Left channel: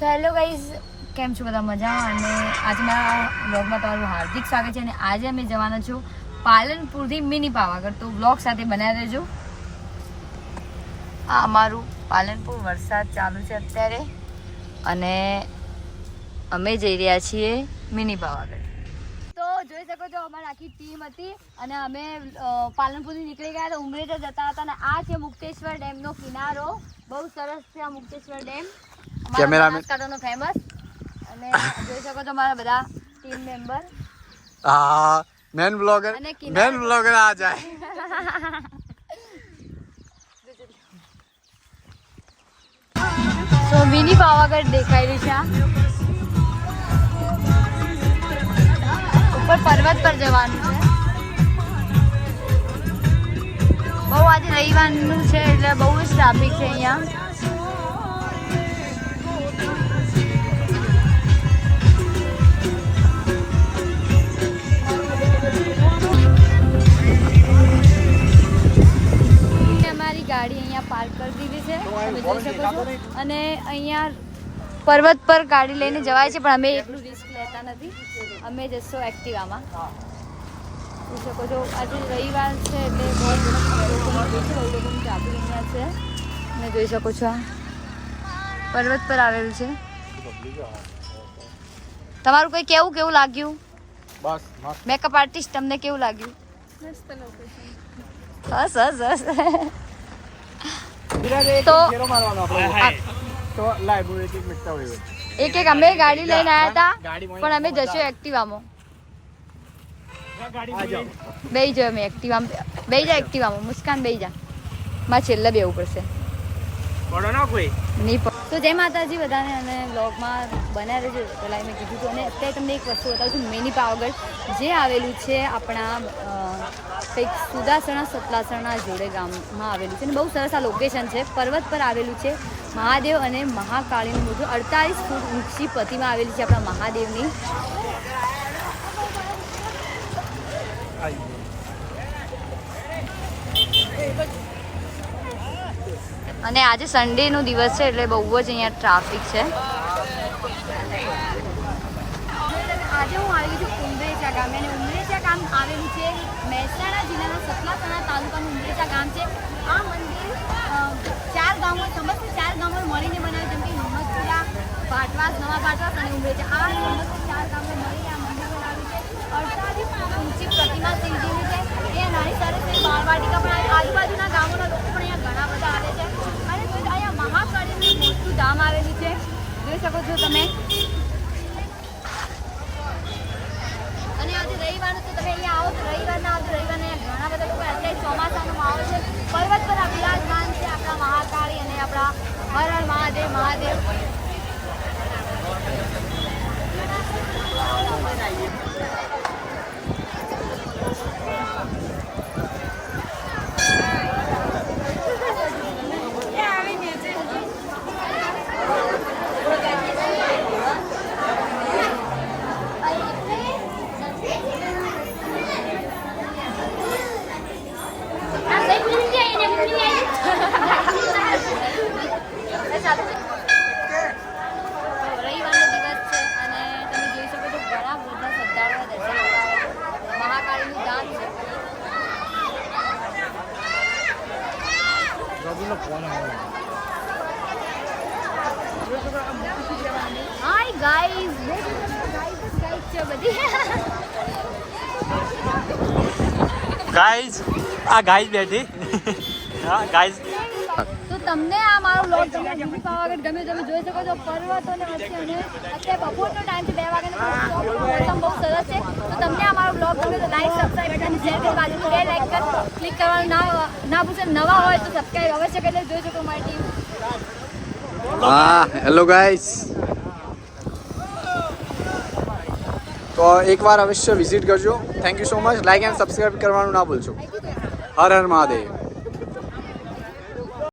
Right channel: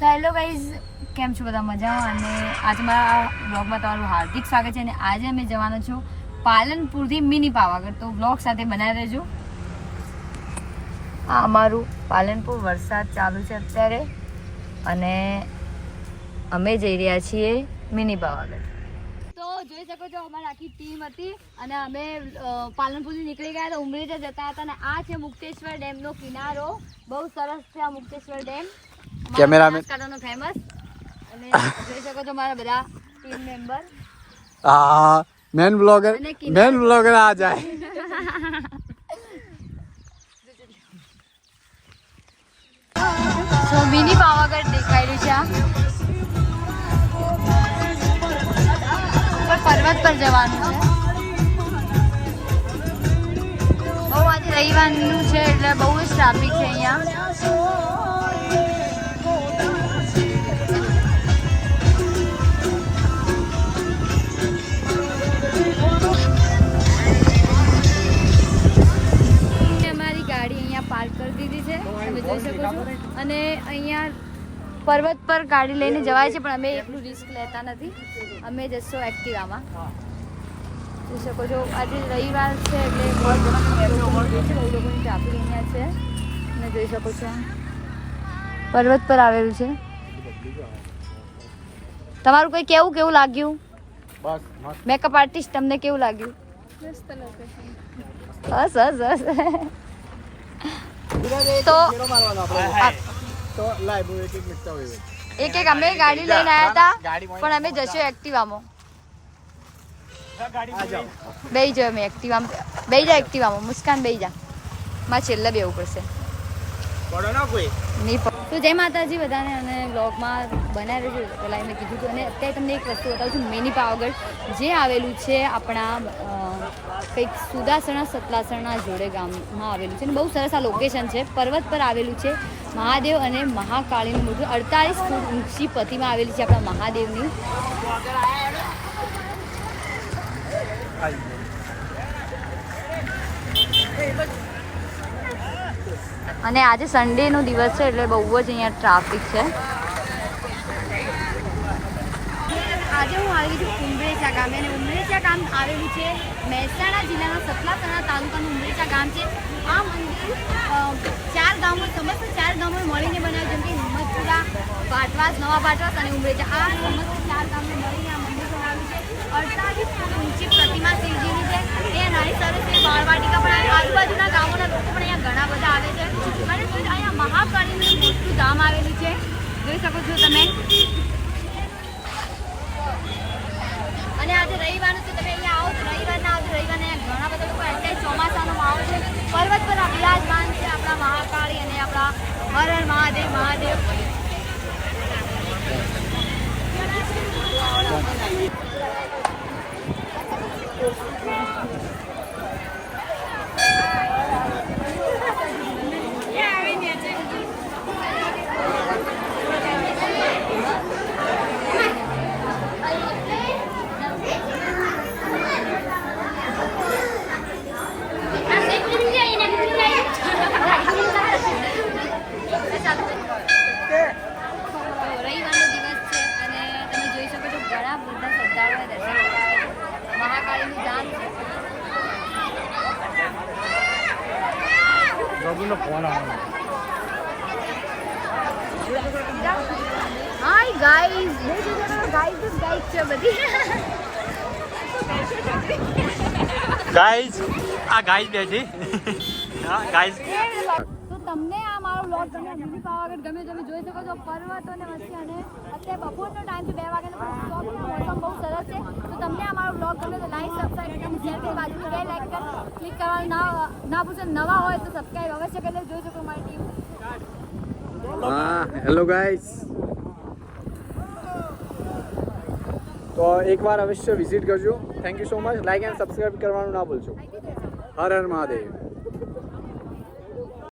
Hello guys, કેમ છો બધા મજામાં? અને આજે મારા બ્લોગમાં તમારું હાર્દિક સ્વાગત છે. અને આજે અમે જવાના છો પાલનપુરથી મિની પાવાગઢ, તો બ્લોગ સાથે બનાવી રહેજો. આ અમારું પાલનપુર, વરસાદ ચાલુ છે અત્યારે અને અમે જઈ રહ્યા છીએ મિની પાવાગઢ. તો જોઈ શકો છો અમારી આખી ટીમ હતી અને અમે પાલનપુરથી નીકળી ગયા તો ઉમરેઠા જતા હતા. અને આ છે મુક્તેશ્વર ડેમનો કિનારો. બહુ સરસ છે આ મુક્તેશ્વર ડેમ, કેમેરામેન ફેમસ. અને જોઈ શકો છો મારા બધા ટીમ મેમ્બર. હા, મેન બ્લોગર આ જાય. તો મિની પાવાગઢ દેખાઈ રહ્યું છે. આ ઉપર પર્વત પર જવાનું છે. બહુ આજે રવિવારનું છે એટલે બહુ જ ટ્રાફિક છે અહીંયા. ગાડી અહીંયા પાર્ક કરી દીધી છે, તમે જોઈ શકો છો. અને અહીંયા પર્વત પર ગાડી લઈને જવાય છે, પણ અમે એટલું રિસ્ક લેતા નથી. અમે જશો એક્ટિવામાં. જોઈ શકો છો આજે રવિવાર છે એટલે બહુ લોકોની ભીડ છે, બહુ લોકોની ટ્રાફિક અહીંયા છે. તમે જોઈ શકો છો પર્વત પર આવેલું છે. તમારું કંઈ કેવું લાગ્યું? મેકઅપ આર્ટિસ્ટ, તમને કેવું લાગ્યું? હસ. તો એક અમે ગાડી લઈને આવ્યા હતા, પણ અમે જશું એક્ટિવામાં. બેહી જાઓ, અમે એક્ટિવામાં બેહી જા. એક્ટિવામાં મુસ્કાન બેહી જા, મારે છેલ્લે બેવું પડશે. તો જય માતાજી બધાને. અને વ્લોગમાં બનાવી રહ્યું છે પહેલાં મેં કીધું હતું. અને અત્યારે તમને એક વસ્તુ બતાવું છું, મિની પાવાગઢ જે આવેલું છે આપણા કંઈક સુદાસણા સતલાસણા જોડે ગામમાં આવેલું છે. અને બહુ સરસ આ લોકેશન છે. પર્વત પર આવેલું છે. મહાદેવ અને મહાકાળીનું મોટું 48 ફૂટ ઊંચી પ્રતિમા આવેલી છે આપણા મહાદેવની. અને આજે સન્ડેનો દિવસ છે એટલે બહુ જ અહીંયા ટ્રાફિક છે. આજે હું આવી છું ઉમરેઠા ગામે. અને ઉમરેઠા ગામ આવેલું છે મહેસાણા જિલ્લાના સતલાસણા તાલુકાનું ઉમરેઠા ગામ છે. આ મંદિર 4 ગામો, સમસ્ત 4 ગામો મળીને બનાવ્યું, જેમ કે હિંમતપુરા, ભાટવાસ, નવા ભાટવાસ અને ઉમરેઠા. આ સમસ્ત 4 ગામને મળીને આ મંદિર બનાવ્યું છે. 48 ફૂટ ઊંચી પ્રતિમા શિવજીની છે. અહીંયા નાની સરસ બાળવાટિકા પણ આવે. આજુબાજુના ગામોના લોકો પણ અહીંયા ઘણા બધા આવે છે. અને અહીંયા મહાકાળીનું મોટું ધામ આવેલું છે, જોઈ શકો છો તમે. અને આજે રવિવારનું તો તમે અહીંયા આવો તો રવિવારના આવજો. રવિવારના અહીંયા ઘણા બધા લોકો, અત્યારે ચોમાસાનો માહોલ છે. પર્વત પર આ બિરાજમાન છે આપણા મહાકાળી અને આપણા હર હર મહાદેવ. ઘણા બધા શ્રદ્ધાળુઓ દર્શન કરવા આવે છે. મહાકાળીનું ધામ છે. હાય ગાઈઝ, ગાઈઝ છે બધી. ગાઈઝ, આ ગાઈઝ બેઠી. હા ગાઈઝ, તો તમને આ મારો વ્લોગ પાવાગઢ ગમે, તમે જોઈ શકો છો પર્વતોને વચ્ચે. અને અત્યારે બપોરનો ટાઈમ છે, 2 વાગ્યાનો. મોસમ બહુ સરસ છે. તો તમને આ મારો વ્લોગ ગમે તો લાઈક, સબસ્ક્રાઈબ બટન શેર કરી બાજુનું બે લાઈક ક્લિક કરવાનું ના ભૂલશો. નવા હોય તો સબસ્ક્રાઈબ અવશ્ય કરી જોઈ શકો મારી ટીમ. હા હેલો ગાઈઝ. તો એકવાર અવશ્ય વિઝિટ કરજો. Thank you so much. Like and subscribe કરવાનું ના ભૂલશો. હર હર મહાદેવ.